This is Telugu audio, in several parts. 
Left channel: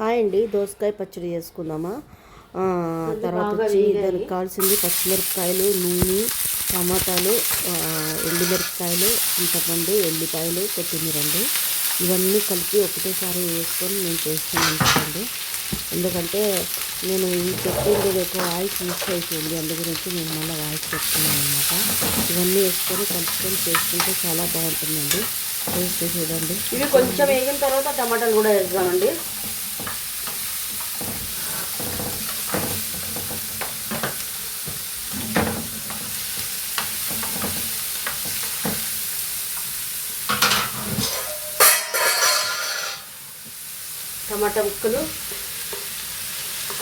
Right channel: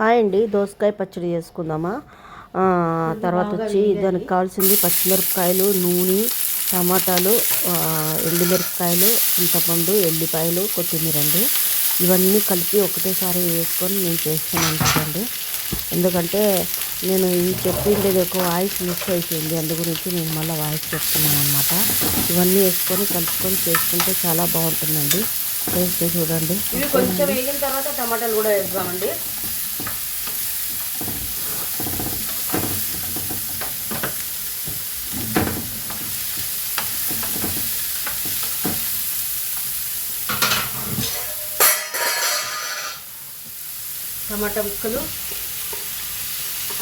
హాయ్ అండి, దోసకాయ పచ్చడి చేసుకుందామా. తర్వాత వచ్చి దానికి కావాల్సింది పచ్చిమిరపకాయలు, నూనె, టమాటాలు, ఎండుమిరపకాయలు, చింతపండు, ఎల్లిపాయలు, కొత్తిమీర అండి. ఇవన్నీ కలిపి ఒకటేసారి వేసుకొని నేను చేస్తున్నాను కదండి. ఎందుకంటే నేను ఈ చెప్పింది ఎక్కువ వాయిస్ మిస్ అయిపోయింది, అందు గురించి నేను మళ్ళీ వాయిస్ చెప్తున్నాను అనమాట. ఇవన్నీ వేసుకొని కలుపుకొని చేసుకుంటే చాలా బాగుంటుందండి. టేస్ట్ చూడండి. ఇవి కొంచెం వేగిన తర్వాత టమాటాలు కూడా వేద్దామండి. టమాటా ముక్కలు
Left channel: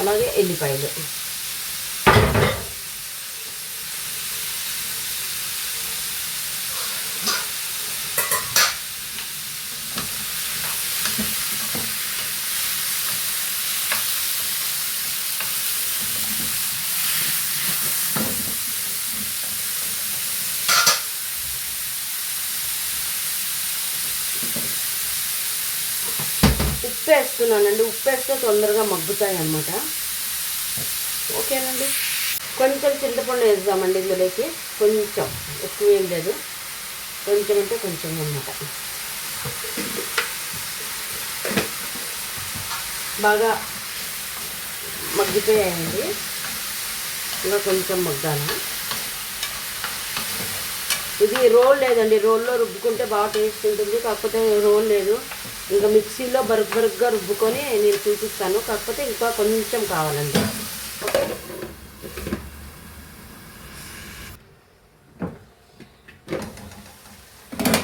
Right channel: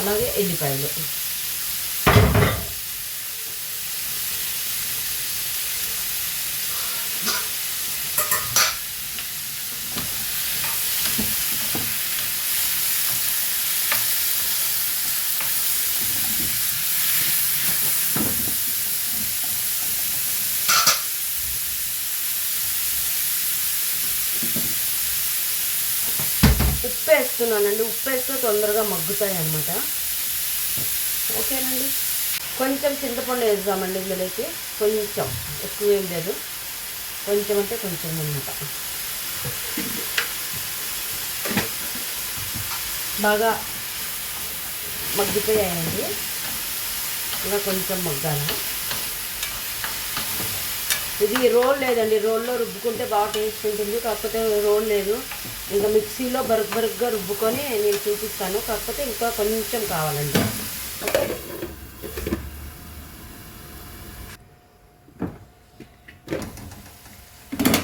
అలాగే ఎల్లిపాయలు ఉప్పు వేస్తున్నానండి. ఉప్పు వేస్తే తొందరగా మగ్గుతాయి అన్నమాట. ఓకేనండి. కొంచెం చింతపండు వేద్దామండి ఇందులోకి. కొంచెం, ఎక్కువ ఏం లేదు, కొంచెం అంటే కొంచెం అన్నమాట. బాగా మగ్గిపోయాయండి, ఇంకా కొంచెం మగ్గాలి. ఇది రోల్ లేదండి, రోల్లో రుబ్బుకుంటే బాగా టేస్ట్ ఉంటుంది. కాకపోతే రోల్ లేదు, ఇంకా మిక్సీలో బరుగ్గా రుబ్బుకొని నేను చూపిస్తాను. కాకపోతే ఇంకా కొంచెం కావాలండి.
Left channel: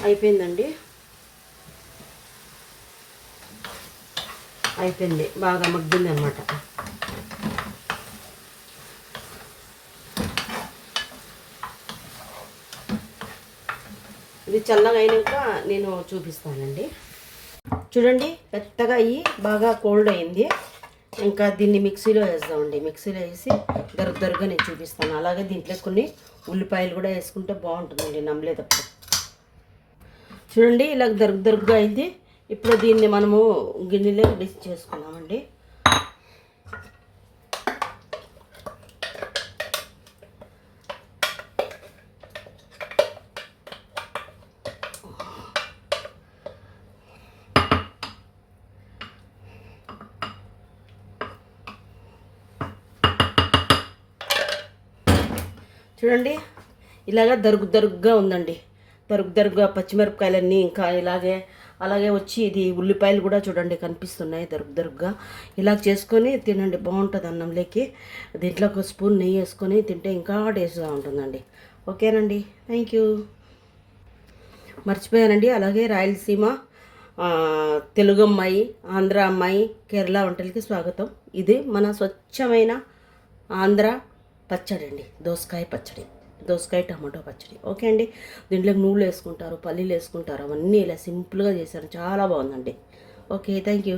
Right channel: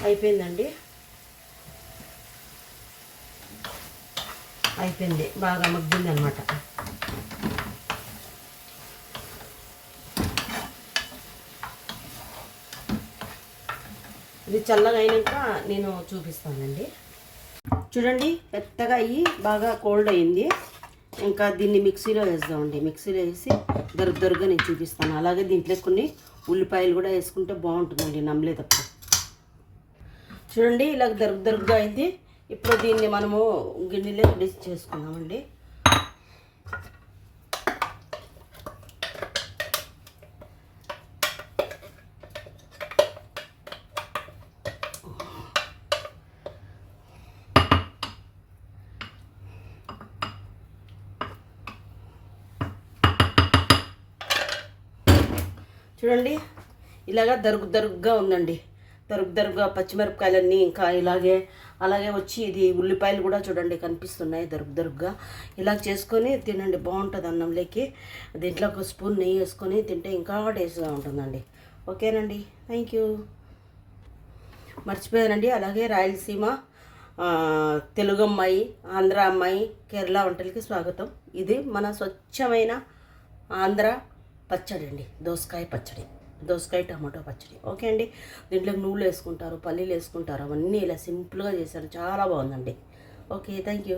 అయిపోయిందండి, అయిపోయింది, బాగా మగ్గింది అన్నమాట. ఇది చల్లగా అయినాక నేను చూపిస్తానండి. చూడండి, పెద్దగా అయ్యి బాగా కోల్డ్ అయింది. ఇంకా దీన్ని మిక్సీలో వేద్దామండి. మిక్సీలో వేసి దరుగ్గా నేను చూపిస్తాను. అలాగే దీంట్లో కొన్ని ఉల్లిపాయలు కూడా వేసుకుంటే బాగుంటుందండి నమ్మలేదప్పుడు. చూడండి, ఇలా దరుగ్గా అయింది. ఇప్పుడు దీన్ని మనము గిన్నెలో డిష్ చేసుకుందామండి. చూడండి, ఇలాగ దరుగ్గా ఉందండి. దరుగ్గా పచ్చిమిరపకాయలన్నీ ఇంకా అలాగే వచ్చి ఇది ఉల్లిపాయలు కూడా చూడండి కనిపిస్తున్నాయి దరుగ్గా. ఇలా చేసుకొని తినండి, బాగుంటుంది అన్నంలోకి. దీంట్లో ఒక స్పూన్ నెయ్యి వేసుకొని తింటే ఇంకా టేస్ట్గా ఉంటుందండి. ఓకేనండి, థ్యాంక్ యూ. మర్చిపోయానండి, అలాగే రాయలసీమ తెలుగు అమ్మాయి, ఆంధ్ర అమ్మాయి, కేరళ వంటలకి స్వాగతం. ఇది మన స్వచ్ఛమైన ఆంధ్ర పచ్చడి అండి, దోసకాయ టమాటో పచ్చడి. ఓకే అండి. దీంట్లో నూనెలు వేసుకుంటారు, పల్లీలు వేసుకుంటారు, అవన్నీ ఇలా సింపుల్గా చేశాను, చాలా బాగుందండి. Okay, thank you.